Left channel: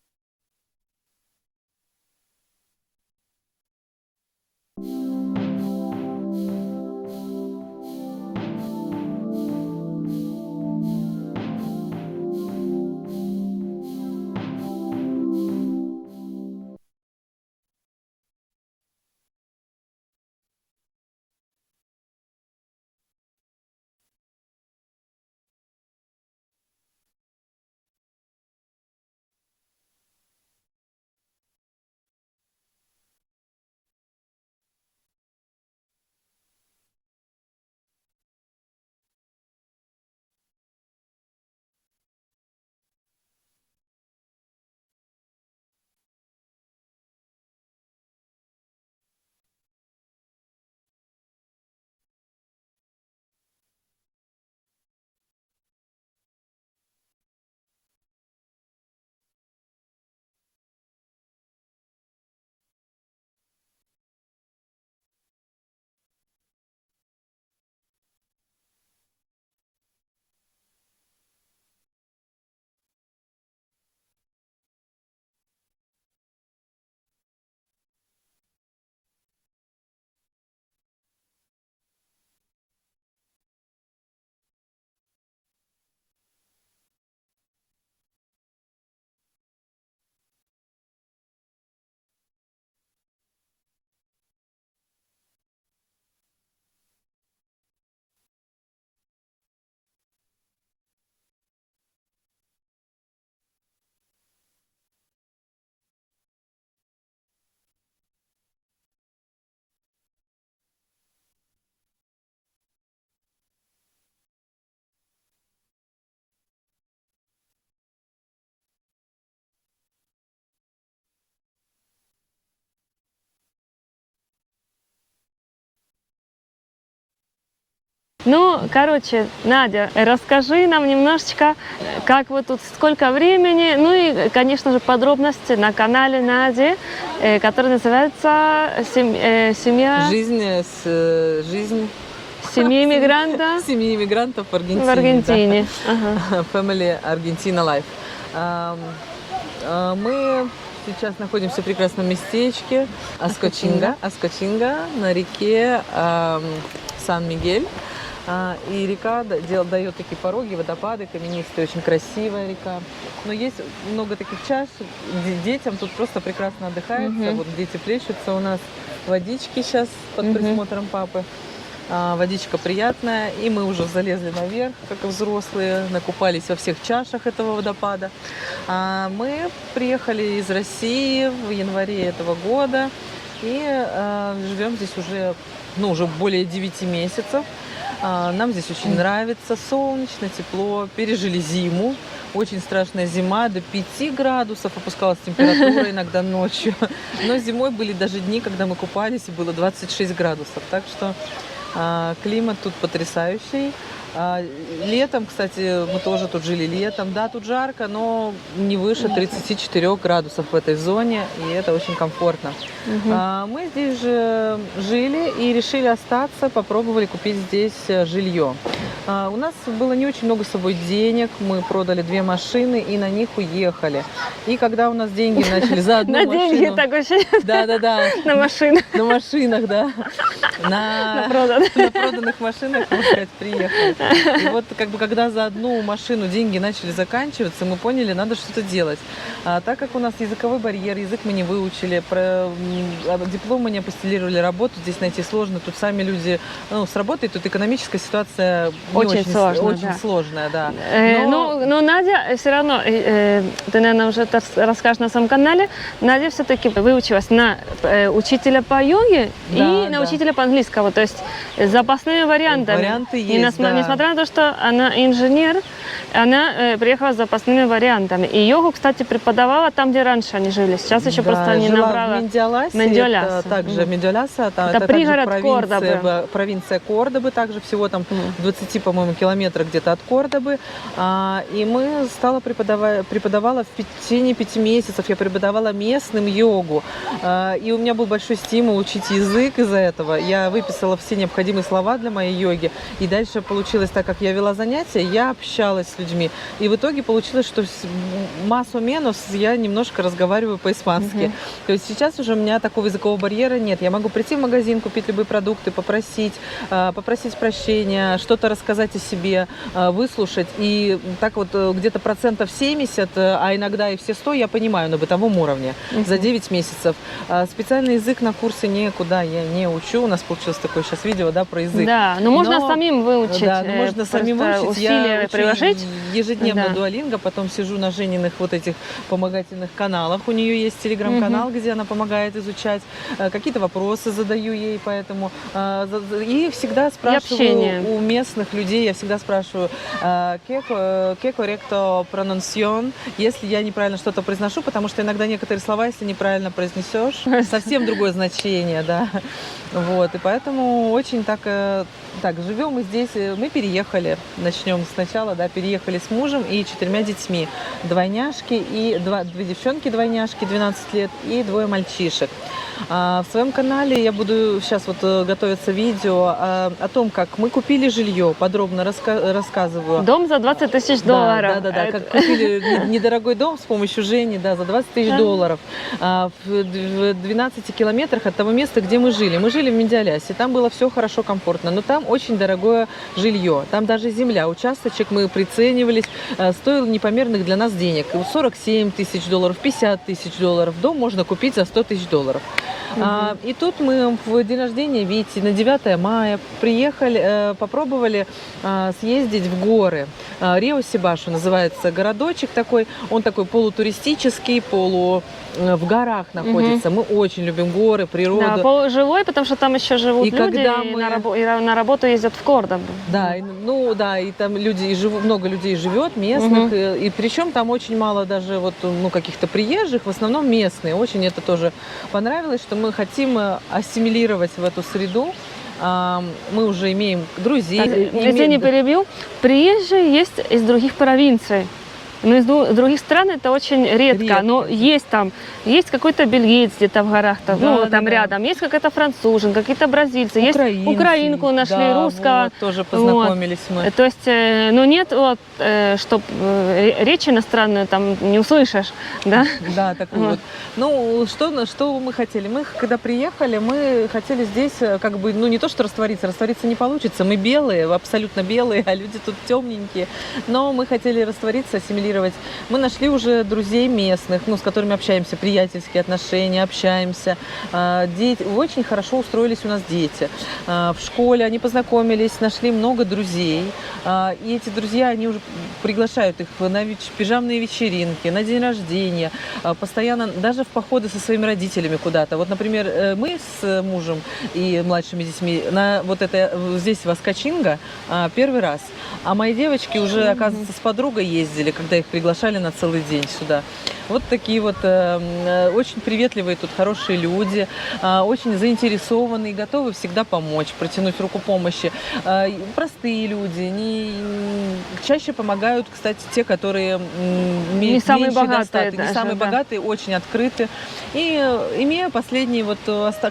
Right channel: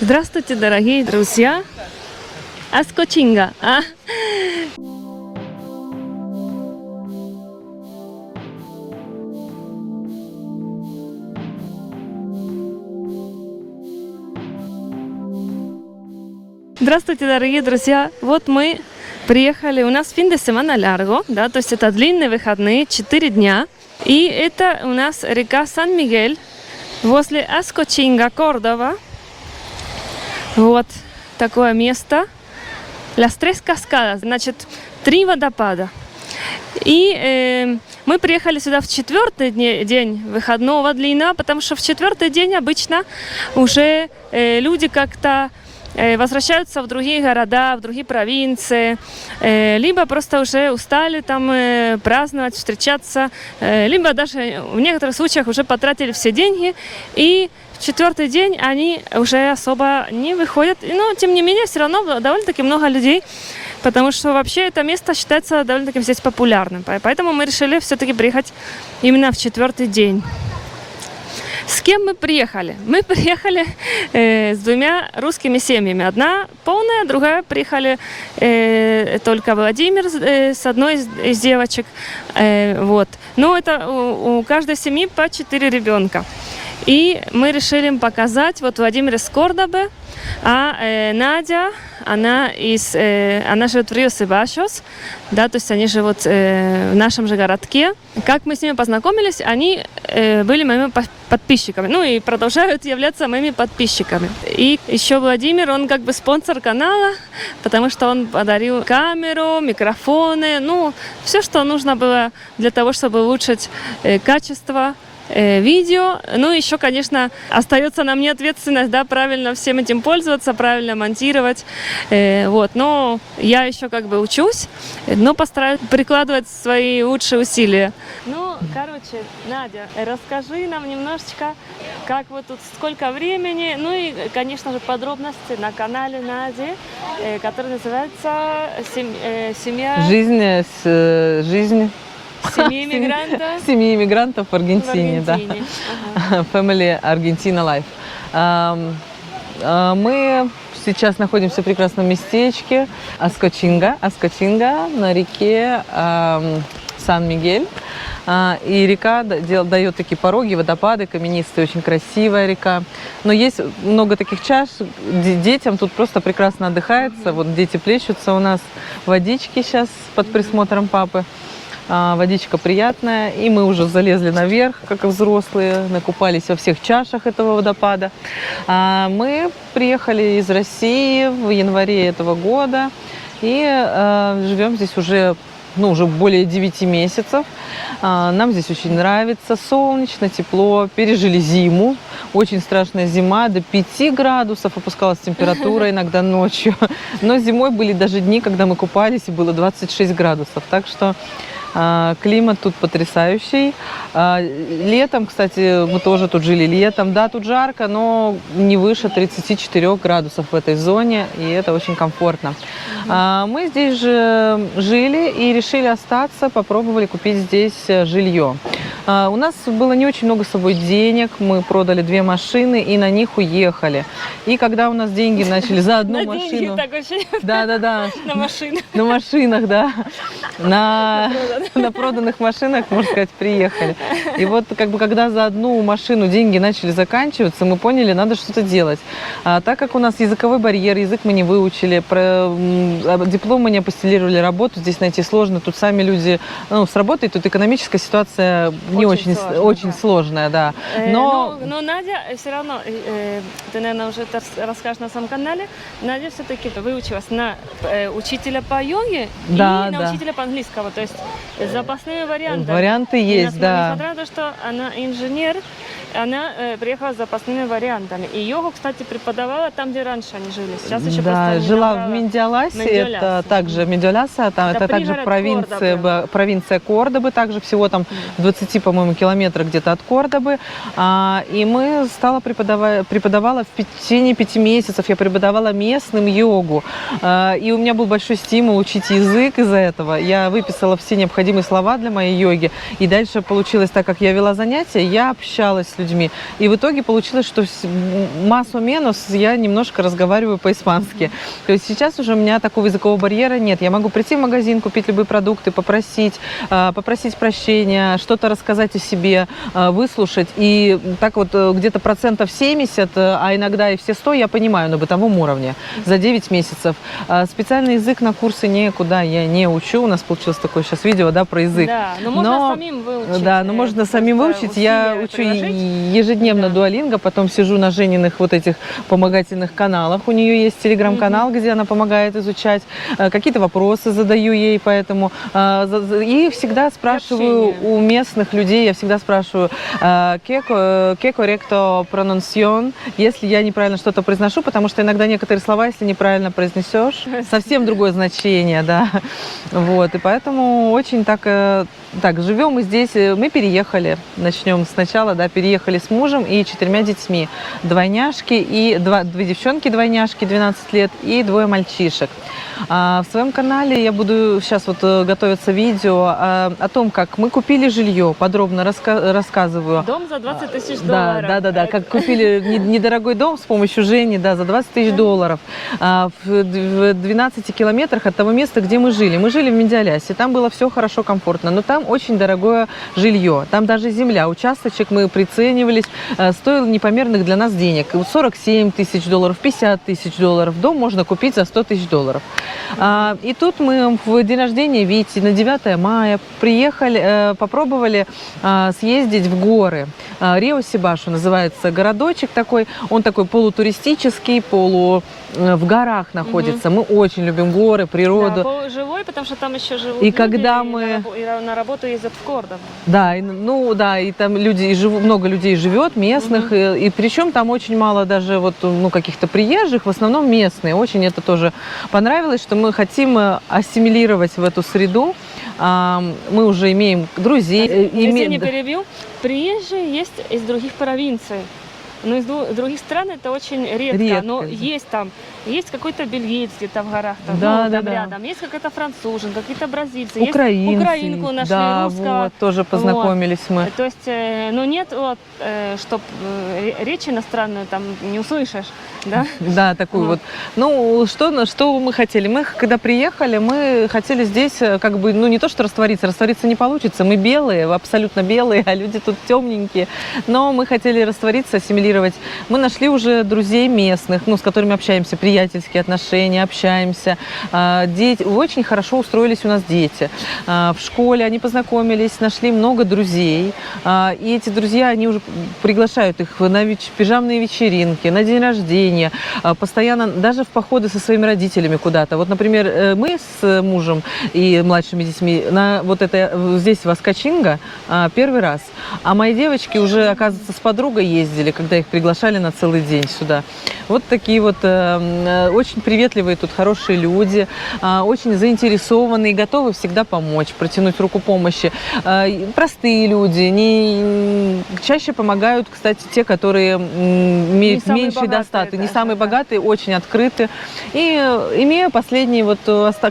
Здравствуйте, дорогие друзья! Аскочинга! Здравствуйте, дорогие друзья! Вот мы приехали, у нас фин де семана ларго, да, то есть это длинные выходные, 4 дня. И это у нас река Сан-Мигель возле Аскочинга, Кордова. Вот такое место. Las Tres Cascadas, значит, 3 водопада. И мы приехали сюда в 4-й день выходного длинного, потому что в 4-й день обычно уже люди как-то возвращаются в другие города, в другие провинции, либо просто уже устали там праздновать, встречаться, либо даже в некоторых случаях уже потратили все деньги, и в 4-й день они уже особо не выходят. Но, тем не менее, все равно довольно-таки много людей, потому что вообще это место считается довольно-таки здесь популярным. Поэтому мы решили все-таки приехать именно в 4-й день. С кем мы приехали? Мы приехали с 2 русскими семьями. Одна полная, другая приехали только Владимир с одной из девочек. Вот. Но это у каждой семьи по 4 ребенка. И мы решили им показать, вот Владимир из Кордобы, а Надя, она живет в Рио-Себашос, да, то есть они живут в нашем же городке. Как мы с ними познакомились, они были моими подписчиками, ну и продолжают являться моими подписчиками. И еще Владимир, он как бы спонсор канала, потому что он подарил камеру, микрофоны, ну, все, что нужно было для того, чтобы улучшить качество видео. Ну, еще, конечно, остается на мне ответственность, да, правильно всем этим пользоваться, правильно монтировать. Вот. Но я еще как бы учусь, но постараюсь прикладывать свои лучшие усилия. Ну, короче, Надя, расскажи нам немножечко, как вы тут, сколько времени, ну и, конечно же, подробности на канале Нади, который называется «Семья...» Жизнь. Семьи иммигранта. Семьи иммигрантов в Аргентине. В Аргентине. Да. Ага. Family Argentina Life. Мы сейчас находимся в прекрасном местечке Аскочинга на реке Сан-Мигель. И река дает такие пороги, водопады, каменистые, очень красивая река. Но есть много таких чаш, детям тут просто прекрасно отдыхается. Вот дети плещутся у нас, водички сейчас под присмотром папы. Водичка приятная, и мы уже залезли наверх, как и взрослые, накупались во всех чашах этого водопада. Мы приехали из России в январе этого года и живем здесь уже более 9 месяцев. Нам здесь очень нравится, солнечно, тепло, пережили зиму. Очень страшная зима, до 5 градусов опускалась температура иногда ночью. Но зимой были даже дни, когда мы купались, и было 26 градусов. Так что климат тут потрясающий. Летом, кстати, мы тоже тут жили летом. Да, тут жарко, но не выше 34 градусов в этой зоне, и это очень комфортно. Мы здесь же жили и решили остаться, попробовали купить здесь жилье. У нас было не очень много с собой денег, мы продали 2 машины и на них уехали. И когда у нас деньги начали за одну машину... На деньги, так очень... Да. На машинах. На машинах, да. На проданных машинах, можно сказать, приехали. И вот как бы когда за одну машину деньги начали заканчиваться, мы поняли, надо что-то делать. Так как у нас языковой барьер, язык мы не выучили, диплом мы не апостилировали, работу здесь найти сложно. Тут сами люди, с работой, тут экономическая ситуация не очень сложная, да. Но Надя все равно, ты, наверное, уже это расскажешь на своем канале, Надя все-таки выучилась на учителя по йоге и на учителя по английскому, то есть запасными вариантами. Варианты есть, да. Несмотря на то, что она инженер, она приехала с запасными вариантами. И йогу, кстати, преподавала там, где раньше они жили. Сейчас еще просто не жила набрала. В Мендиаласе, это также Мендиаласа, это также провинция Кордобы, также всего там в 20 по-моему, километра где-то от Кордобы. И мы преподавала в течение 5 месяцев, я преподавала местным йогу. И у меня был большой стимул учить язык из-за этого. Я выписала все необходимые слова для моей йоги. И дальше получилось так, как я вела занятия, я общалась с людьми. И в итоге получилось, что массу-менус я немножко разговариваю по-испански. То есть сейчас уже у меня такого языкового барьера нет. Я могу прийти в магазин, купить любые продукты, попросить прощения, что-то рассказать о себе, выслушать. И так вот где-то 70%, а иногда и все 100 я понимаю на бытовом уровне за 9 месяцев. Специальный язык на курсы никуда я не учу. У нас получилось такое сейчас видео, да, про язык. Да, но можно самим выучить. Да, но можно самим выучить. Я учу ежедневно дуолинго, потом сижу на Жениных вот этих помогательных каналах. У нее есть телеграм-канал, где она помогает изучать. Какие-то вопросы задаю ей, поэтому и всегда спрашиваю у местных людей, я всегда спрашиваю, «Qué correcto pronunciación?», если я неправильно что-то произношу, потому что иногда некоторые слова, если неправильно произнесешь, совсем другое значение, да. Вот, и поэтому очень так живем мы здесь, мы переехали, начнем сначала, да, переехали с мужем и 4 детьми, двойняшки и 2 девчонки-двойняшки 12 лет и 2 мальчишек. В своем канале я буду сейчас готовиться видео о том, как мы купили жилье, подробно рассказываю. Дом за 20 тысяч долларов. Да, как купили недорогой дом с помощью Жени, да, за 20 тысяч долларов в 12 километрах от того места, где мы жили. Мы жили в Медиалясе, там было все хорошо, комфортно, но там очень дорогое жилье, там даже земля, участочек мы приценивались, стоил непомерных для нас денег, 47 тысяч долларов, 50 тысяч долларов, дом можно купить за 100 тысяч долларов. И тут мы в день рождения Вити на 9 мая приехали, попробовали съездить в горы. Рио-Сибашу называется городочек такой, он такой полутуристический, в горах находится. Мы очень любим горы, природу. Да, живой, потому что там еще живут и люди, когда и на работу ездят в Кордобу. Да, и там много людей живет, местных, и причем там очень мало даже каких-то приезжих, в основном местные. Очень это тоже понравилось, что мы хотим ассимилировать в эту среду. Мы уже имеем друзей. Если не перебью, приезжие есть из других провинций. Но из других стран это очень редко. Но есть какой-то бельгиец где-то в горах, там рядом, есть какая-то француженка, какие-то бразильцы, украинцы, есть украинку нашли, русского. Тоже познакомились мы. То есть, нет, чтоб речь иностранную там не услышишь, да? Да, такую что мы хотели? Мы, когда приехали, мы хотели здесь не то что раствориться не получится. Мы белые, абсолютно белые, а люди тут темненькие. Но мы хотели раствориться, ассимилировать. Мы нашли уже друзей местных, с которыми общаемся, приятельские отношения, общаемся. Дети, очень хорошо устроились у нас дети. В школе они познакомились, нашли много друзей. И эти друзья, они уже приглашают их на пижамные вечеринки, на день рождения, постоянно, даже в походы со своими родителями куда-то. Вот, например, мы с мужем и младшими детьми здесь, в Аскочинго, первый раз. А мои девочки уже, оказывается, с подругой ездили, когда их приглашали на целый день сюда. Вот такие очень приветливые тут хорошие люди, очень заинтересованные, готовы всегда помочь, протянуть руку помощи. Простые люди, чаще помогают, кстати, те, которые имеют меньший достаток, не самые богатые, очень открыты. И имея последние,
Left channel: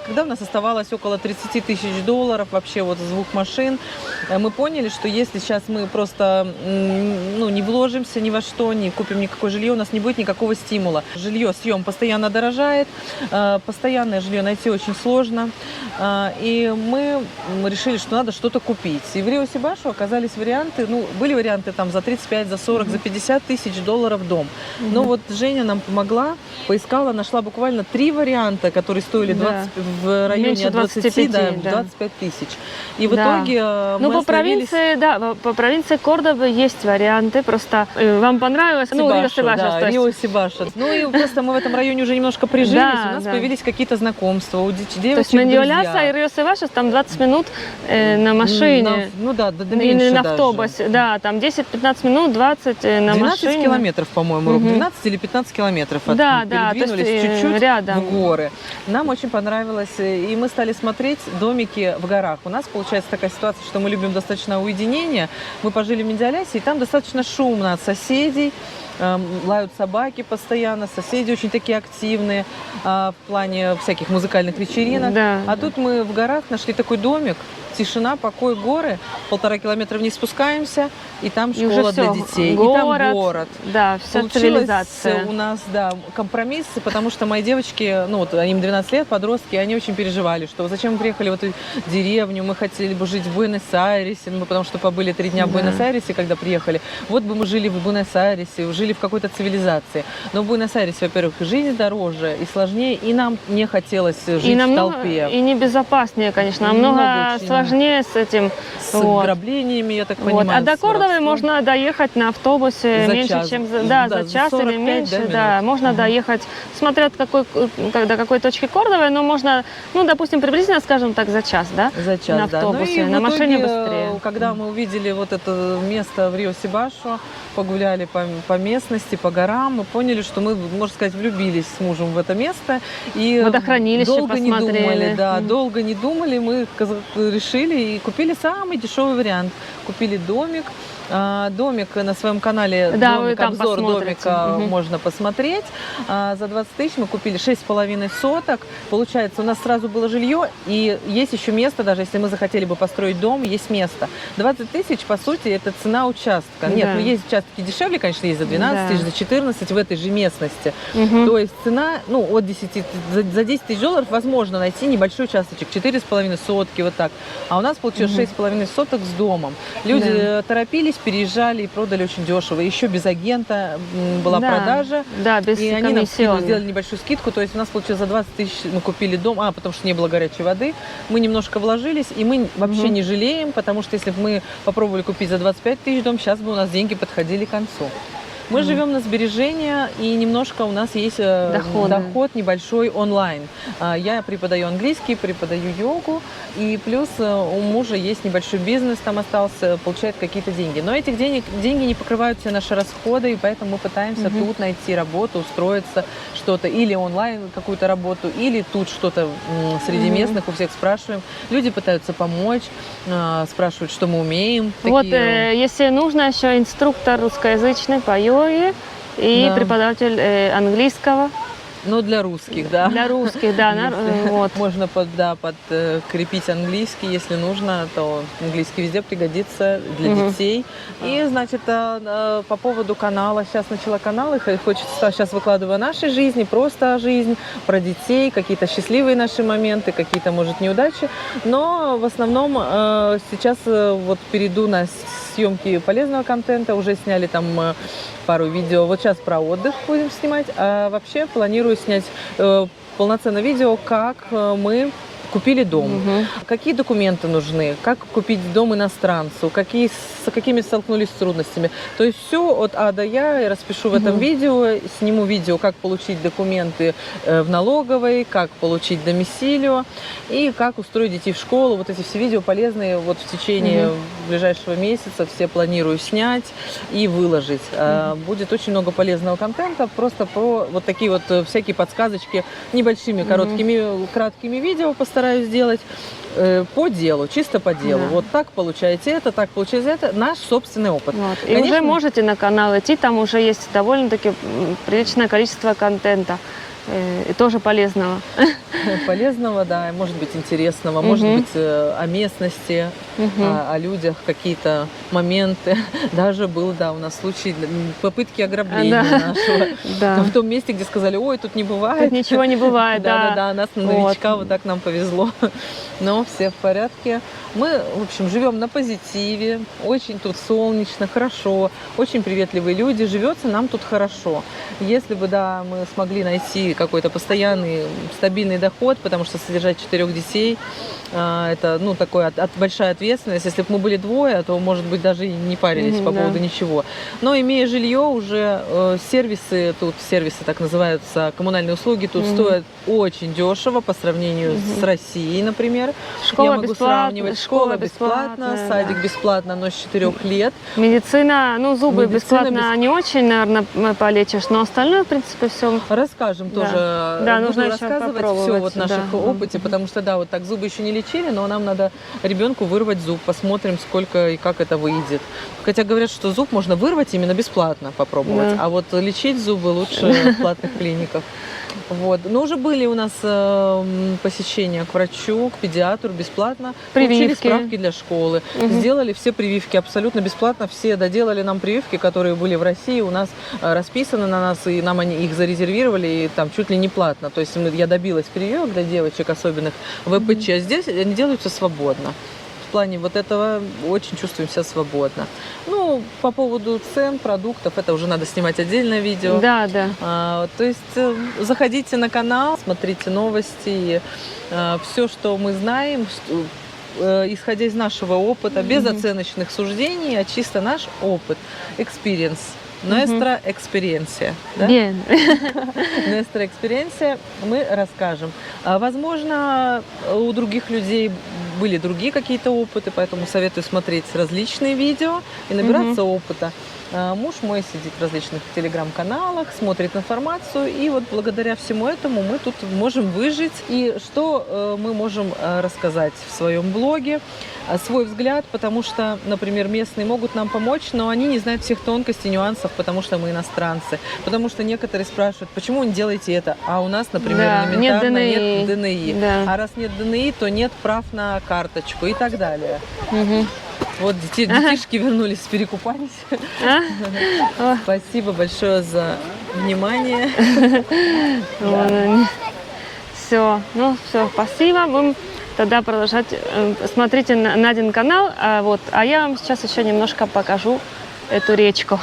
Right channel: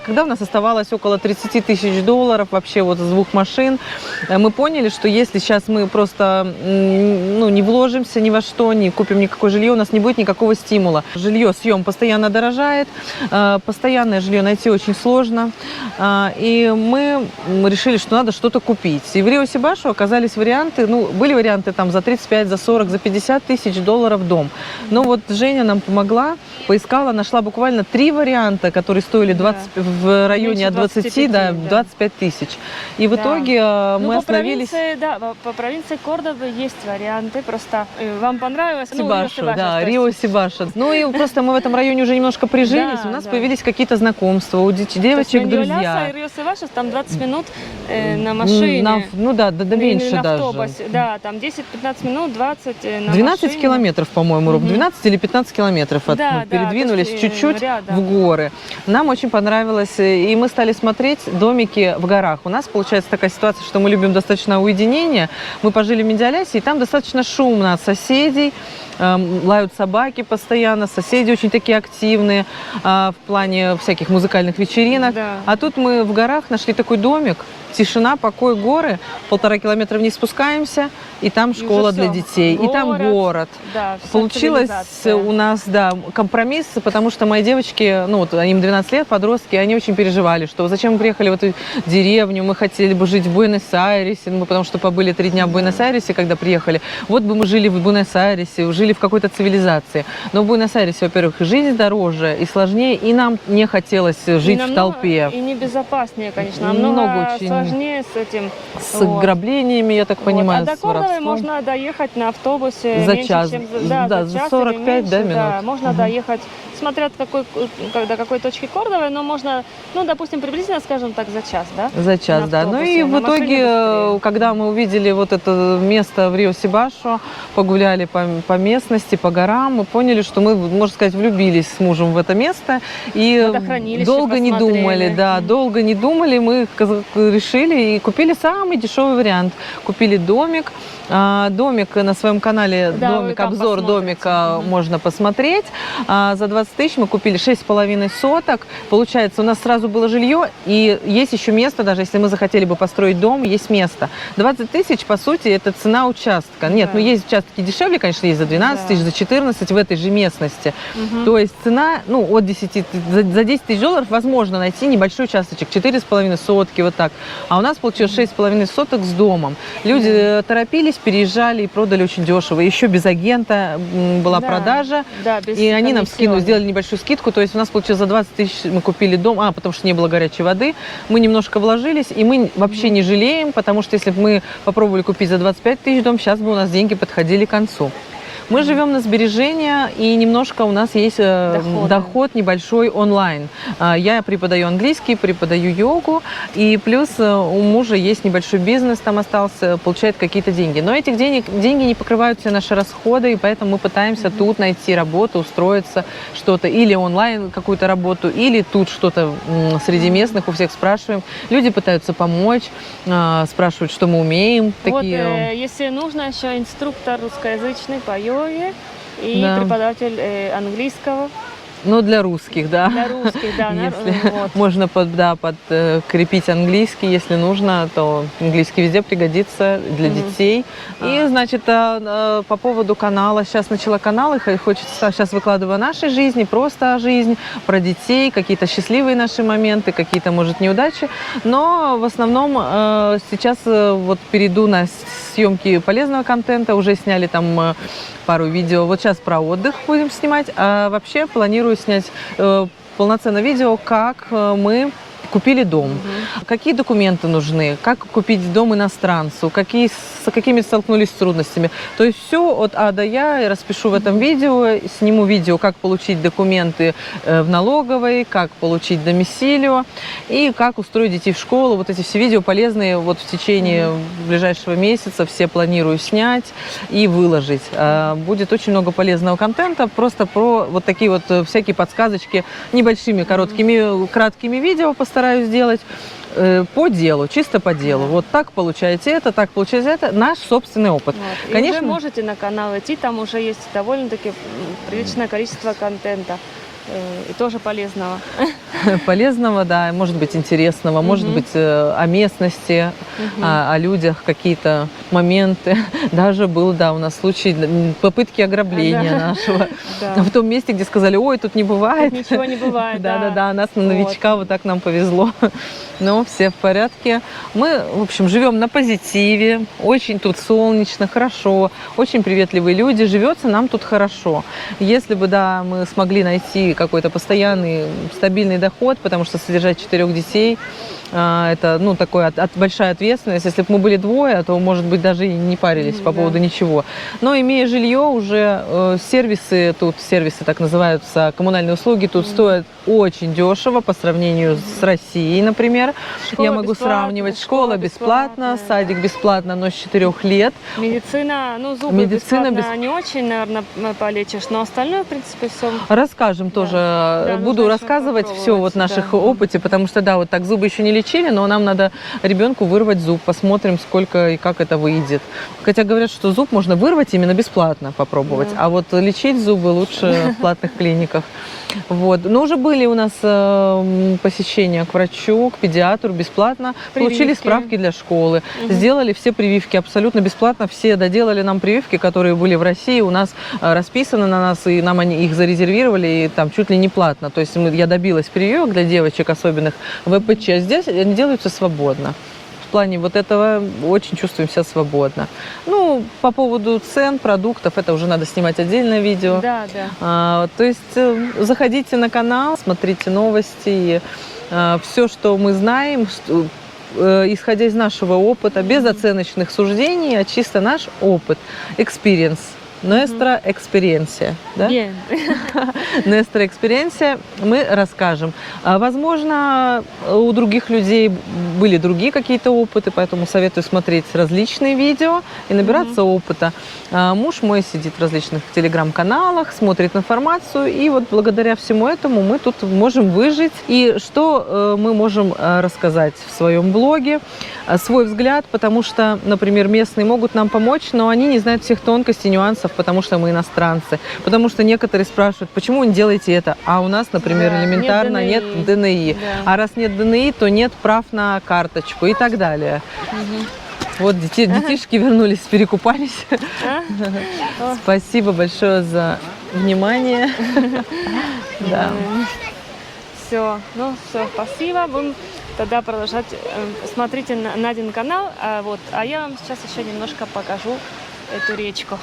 когда у нас оставалось около 30 тысяч долларов вообще с 2 машин, мы поняли, что если сейчас мы просто не вложимся ни во что, не купим никакое жилье, у нас не будет никакого стимула. Съем постоянно дорожает, постоянное жилье найти очень сложно. И мы решили, что надо что-то купить. И в Рио-Сибашу оказались варианты, были варианты там за 35, за 40, за 50 тысяч долларов дом. Но Женя нам помогла, поискала, нашла буквально 3 варианта, которые стоили в районе от 20 до 25 тысяч. И в итоге мы остановились... По провинции Кордобы есть варианты, просто вам понравилось? Ну, Сибашу, Рио Себашу, да, то есть. Рио Сибашу. Ну и просто мы в этом районе уже немножко прижились, Да, у нас да. появились какие-то знакомства, у То есть девочек Меньоляса и друзья. Рио Себашу там 20 минут на машине. Ну да, да Или меньше на даже. автобусе, да, там 10-15 минут, 20 на 12 машине. километров, по-моему, Мгм. 12 или 15 километров Да, да, передвинулись то есть, чуть-чуть рядом. в горы. Нам очень понравилось, и мы стали смотреть домики в горах. У нас получается такая ситуация, что мы любим достаточно уединение. Мы пожили в Медиалясе, и там достаточно шумно от соседей. Лают собаки постоянно, соседи очень такие активные в плане всяких музыкальных вечеринок. Да. А тут мы в горах нашли такой домик, тишина, покой, горы, 1,5 километра вниз спускаемся, и там И школа уже для всё. детей, и там город. Да, вся Получилось цивилизация. у нас, да, компромисс, потому что мои девочки, ну вот им 12 лет, подростки, они очень переживали, что зачем мы приехали в эту деревню, мы хотели бы жить в Буэнос-Айресе, ну, потому что побыли 3 дня в Да. Буэнос-Айресе, когда приехали. Вот бы мы жили в Буэнос-Айресе, жили в какой-то цивилизации. Но в Буэнос-Айресе, во-первых, жизнь дороже и сложнее, и нам не хотелось жить И в намного- толпе. И небезопаснее, конечно, Много намного очень. сложнее с этим. С ограблениями, я так Вот. понимаю, А до с Кордовы воровством. можно доехать на автобусе За меньше, час. чем Да, за за час 45, или меньше. да, минут? Да, можно Мгм. доехать, смотря до какой точки Кордовы, но можно, ну, допустим, приблизительно, скажем так, за час, да? За час, На да. Ну и автобусе, в на машине итоге, быстрее. когда мы увидели вот это место в Рио-Сибашу, погуляли по местности, по горам, мы поняли, что мы, можно сказать, влюбились с мужем в это место. И Водохранилище долго не посмотрели. думали, да, Мгм. долго не думали, мы решили и купили самый дешевый вариант. Купили домик. Домик на своем канале, Да, вы домик, там обзор посмотрите. домика Мгм. можно посмотреть. За 20 тысяч мы купили 6,5 соток. Получается, у нас сразу было жилье, и есть еще место, даже если мы захотели бы построить дом, есть место. 20 тысяч, по сути, это цена участка. Нет, Да. ну есть участки дешевле, конечно, есть за 12 Да. тысяч, за 14 в этой же местности. Мгм. То есть цена, ну, от 10, за 10 тысяч долларов возможно найти небольшой участочек, 4,5 сотки, вот так. А у нас получилось 6,5 соток с домом. Люди торопились, переезжали и продали очень дешево. Еще без агента была Да. продажа. Да, без И они нам комиссионных. сделали небольшую скидку, то есть у нас получилось за 20 тысяч мы купили дом, потому что не было горячей воды, мы немножко вложились, и мы вообще не жалеем, потому что если бы мы попробовали купить за 25 тысяч дом, сейчас бы у нас деньги подходили к концу. Мы живем на сбережения, и немножко у нас есть доход небольшой онлайн. Я преподаю английский, преподаю йогу, и плюс у мужа есть небольшой бизнес, там остался, получает какие-то деньги. Но этих деньги не покрывают все наши расходы, и поэтому мы пытаемся тут найти работу, устроиться, что-то, или онлайн какую-то работу, или тут что-то среди местных, у всех спрашиваем. Люди пытаются помочь, спрашивают, что мы умеем. Вот, Такие... если нужно, еще инструктор русскоязычный по йоге и Да. преподаватель английского Ну, для русских, да. для русских, да, Если вот. можно подкрепить английский, если нужно, то английский везде пригодится для детей. И, значит, по поводу канала, сейчас начала канал, и хочется, сейчас выкладываю о нашей жизни, просто о жизни, про детей, какие-то счастливые наши моменты, какие-то, может, неудачи. Но в основном сейчас вот перейду на съемки полезного контента, уже сняли там пару видео. Вот сейчас про отдых будем снимать, а вообще планирую снять полноценное видео, как мы купили дом, какие документы нужны, как купить дом иностранцу, с какими столкнулись с трудностями. То есть все от А до Я распишу в этом видео, сниму видео, как получить документы в налоговой, как получить домисилио и как устроить детей в школу. Вот эти все видео полезные вот в течение ближайшего месяца все планирую снять и выложить. Будет очень много полезного контента, просто про вот такие вот всякие подсказочки небольшими, краткими видео постараюсь сделать по делу, чисто по делу. Вот так получаете это, так получаете это. Наш собственный опыт. Вот. И Конечно, уже можете на канал идти, там уже есть довольно-таки приличное количество контента. И тоже полезного. полезного, да, может быть интересного, может быть о местности, о людях какие-то моменты. Даже был, да, у нас случай попытки ограбления нашего. Да. В том месте, где сказали, ой, тут не бывает. Тут ничего не бывает, да. Да, нас на новичка вот так нам повезло. Но все в порядке. Мы, в общем, живем на позитиве. Очень тут солнечно, хорошо. Очень приветливые люди. Живется нам тут хорошо. Если бы, да, мы смогли найти какой-то постоянный, стабильный доход, потому что содержать 4 детей Это, ну, такое большая ответственность. Если бы мы были двое, то, может быть, даже и не парились по поводу ничего. Но имея жилье, уже сервисы так называются, коммунальные услуги тут стоят очень дешево по сравнению с Россией, например. Школа Я могу бесплатна, сравнивать. Школа бесплатна, да. садик бесплатно, но с 4 лет. Медицина, ну, зубы Медицина бесплатно не очень, наверное, полечишь, но остальное, в принципе, все. Расскажем Да. тоже. Да, нужно Буду еще рассказывать все попробовать, вот наших да. опыте, потому что, да, вот так зубы еще не лечили, но нам надо ребенку вырвать зуб. Посмотрим, сколько и как это выйдет. Хотя говорят, что зуб можно вырвать именно бесплатно попробовать, Да. а вот лечить зубы лучше в платных клиниках. Вот. Но уже были у нас посещения к врачу, к педиатру бесплатно. Получили Прививки. справки для школы. Сделали все прививки абсолютно бесплатно. Все доделали нам прививки, которые были в России. У нас расписаны на нас, и нам они их зарезервировали, и там чуть ли не платно. То есть я добилась прививок для девочек особенных в ЭПЧ. А здесь они делаются свободно. В плане вот этого очень чувствуем себя свободно. Ну, по поводу цен, продуктов, это уже надо снимать отдельное видео. Да, да. То есть заходите на канал, смотрите новости, все, что мы знаем, исходя из нашего опыта, без оценочных суждений, а чисто наш опыт, experience. Nuestra experiencia, да? Bien. Nuestra experiencia мы расскажем. Возможно, у других людей были другие какие-то опыты, поэтому советую смотреть различные видео и набираться опыта. Муж мой сидит в различных телеграм-каналах, смотрит информацию, и вот благодаря всему этому мы тут можем выжить. И что мы можем рассказать в своем блоге? Свой взгляд, потому что, например, местные могут нам помочь, но они не знают всех тонкостей, нюансов, потому что мы иностранцы. Потому что некоторые спрашивают, почему вы не делаете это? А у нас, например, Да, элементарно нет нет ДНИ. Да. А раз нет ДНИ, то нет прав на карточку и так далее. Вот детишки вернулись, перекупались. Спасибо большое за внимание. Все, ну все, спасибо. Будем тогда продолжать. Смотрите Надин канал. А я вам сейчас еще немножко покажу эту речку.